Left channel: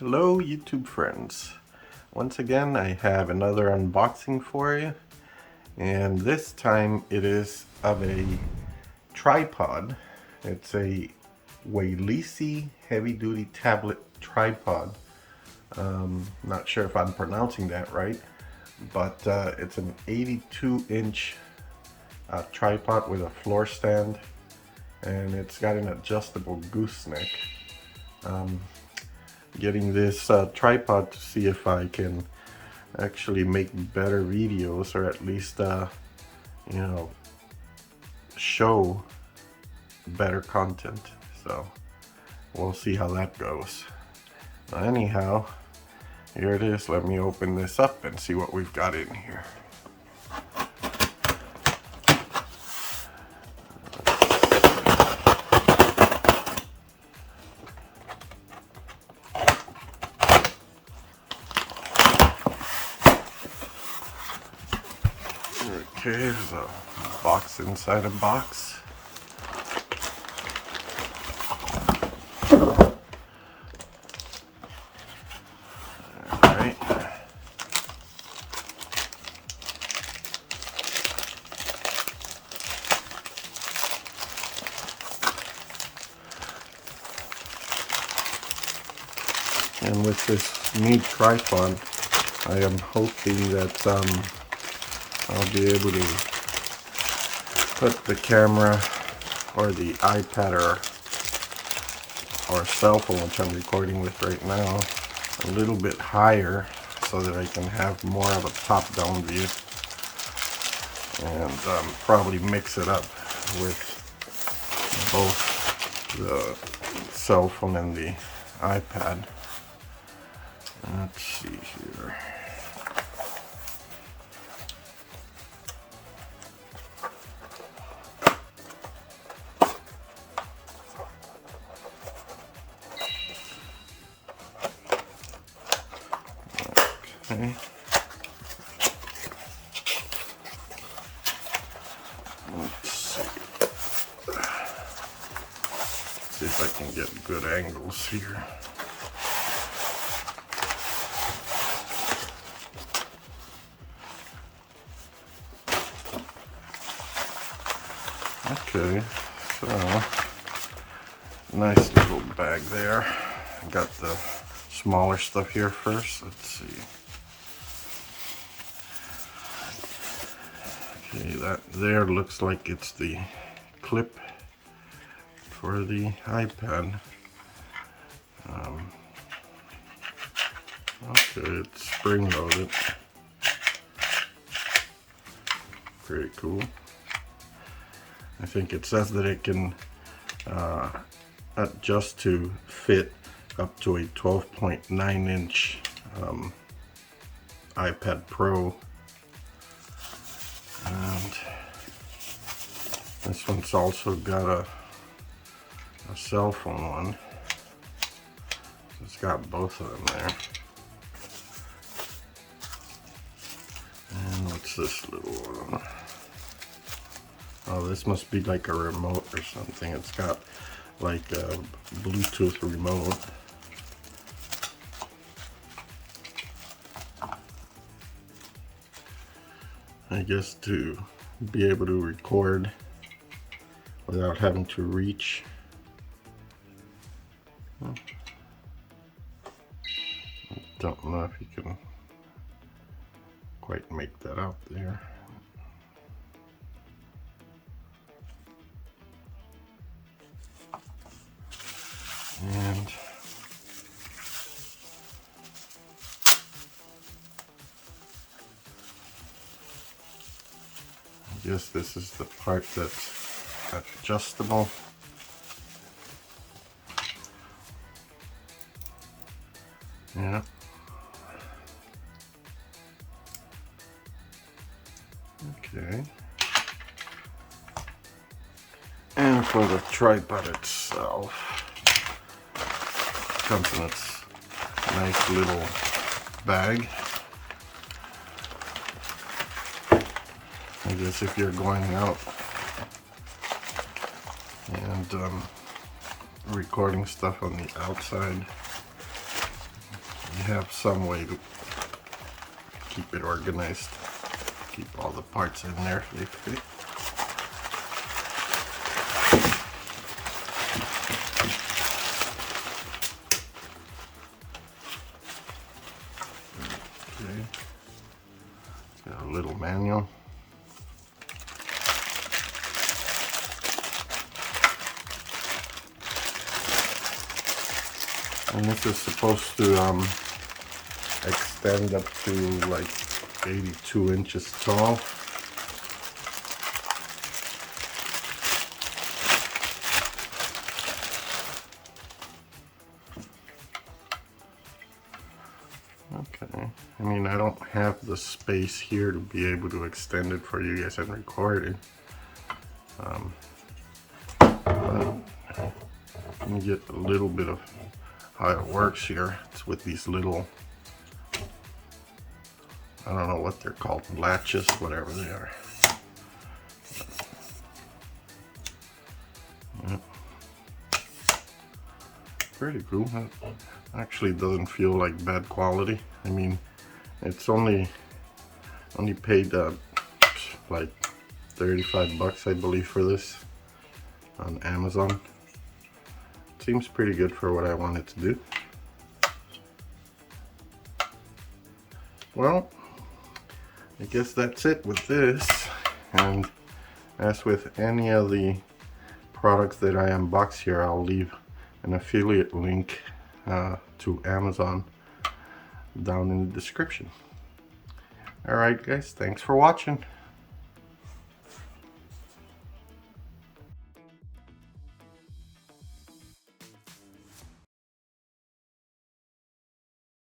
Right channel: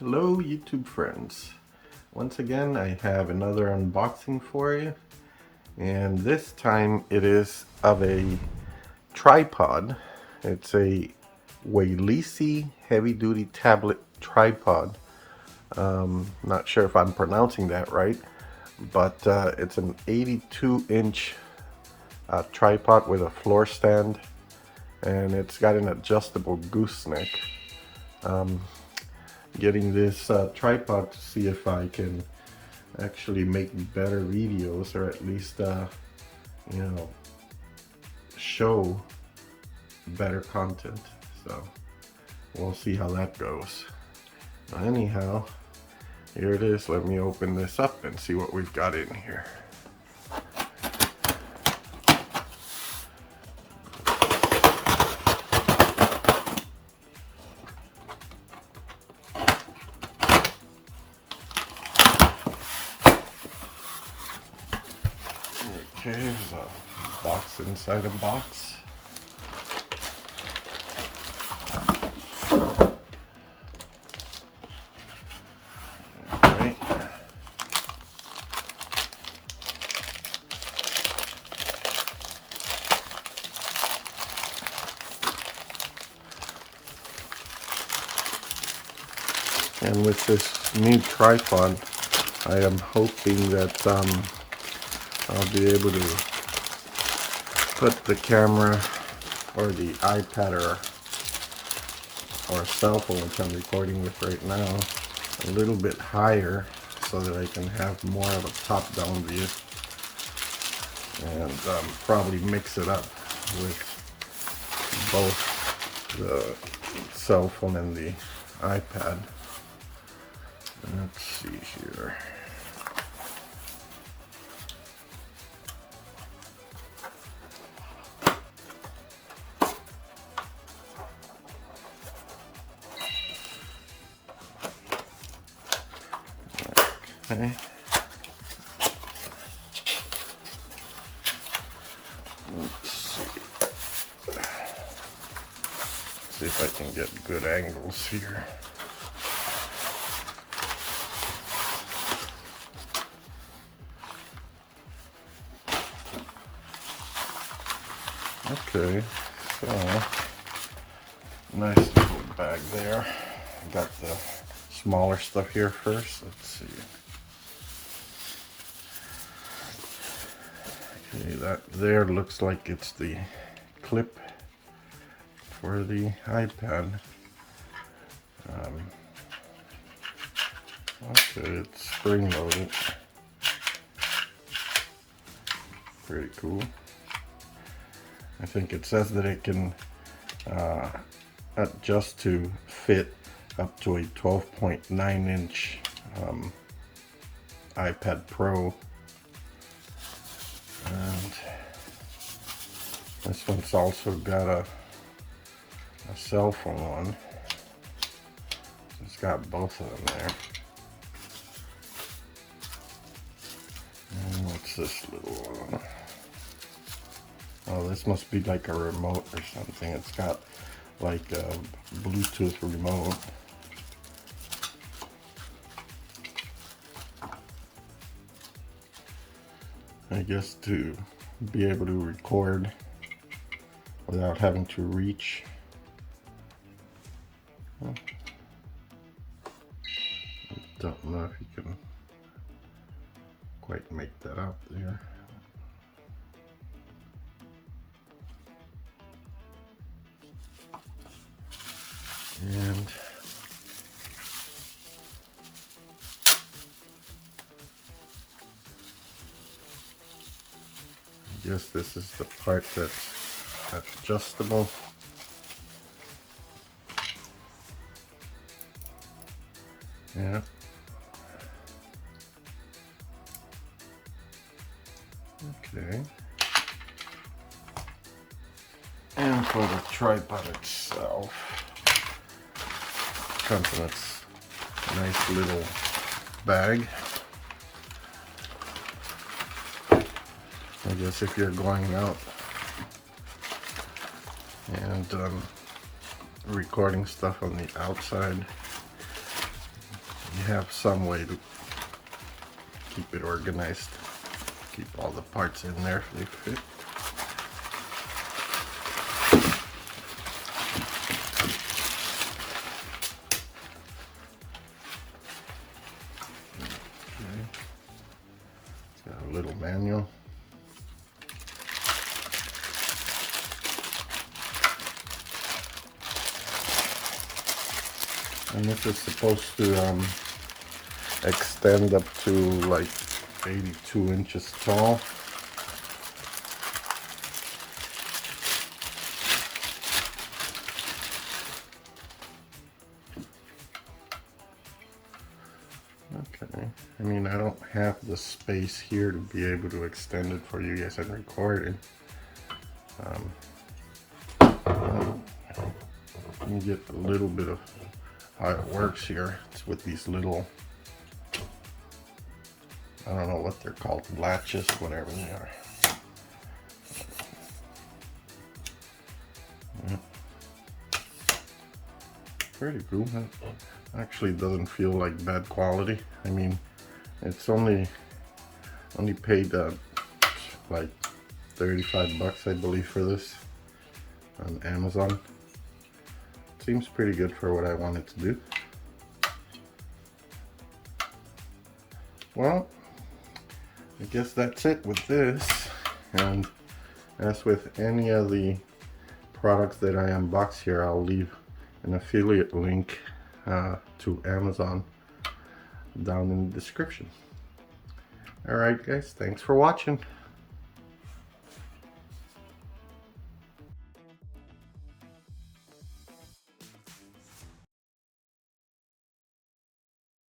Hello YouTube friends. Once again I have another unboxing for you, and this time it is of a tripod. It's a Weilisi heavy-duty tablet tripod. Not sure if I'm pronouncing that right, but it's an 82-inch tripod with a floor stand, and it's got an adjustable gooseneck. Getting this tripod to see if I can actually make better videos, or at least show better content. So we'll see how that goes. Anyhow, here it is. Let me open this up and see what we've got in here. Okay, there's a box inside a box. Alright. And with this new tripod, I am hoping that I'll be able to put the camera or the iPad or cell phone, which I'm recording with right now, a little bit higher so that I can have more of a top-down view, and probably mix it up with both the cell phone and the iPad. Let's see here. Okay. Let's see if I can get good angles here. Okay, so nice little bag there. Got the smaller stuff here first. Let's see. Okay, that there looks like it's the clip for the iPad. Okay, it's spring loaded. Pretty cool. I think it says that it can adjust to fit up to a 12.9 inch iPad Pro. And this one's also got a cell phone one. So it's got both of them there. And what's this little one? Oh, this must be like a remote or something. It's got like a Bluetooth remote. I guess to be able to record without having to reach. I don't know if you can quite make that out there. And I guess this is the part that's adjustable. Yeah. Okay. And for the tripod itself, comes in its nice little bag. I guess if you're going out and recording stuff on the outside, you have some way to keep it organized. Keep all the parts in there if they fit. Okay. Got a little manual. And this is supposed to extend up to like 82 inches tall. Okay, I mean, I don't have the space here to be able to extend it for you guys and record it. But you get a little bit of how it works here. It's with these little, I don't know what they're called, latches, whatever they are. Yeah. Pretty cool. It actually doesn't feel like bad quality. I mean, it's only paid like 35 bucks, I believe, for this on Amazon. Seems pretty good for what I wanted to do. Well, I guess that's it with this. And as with any of the products that I unbox here, I'll leave an affiliate link to Amazon down in the description. Alright guys, thanks for watching.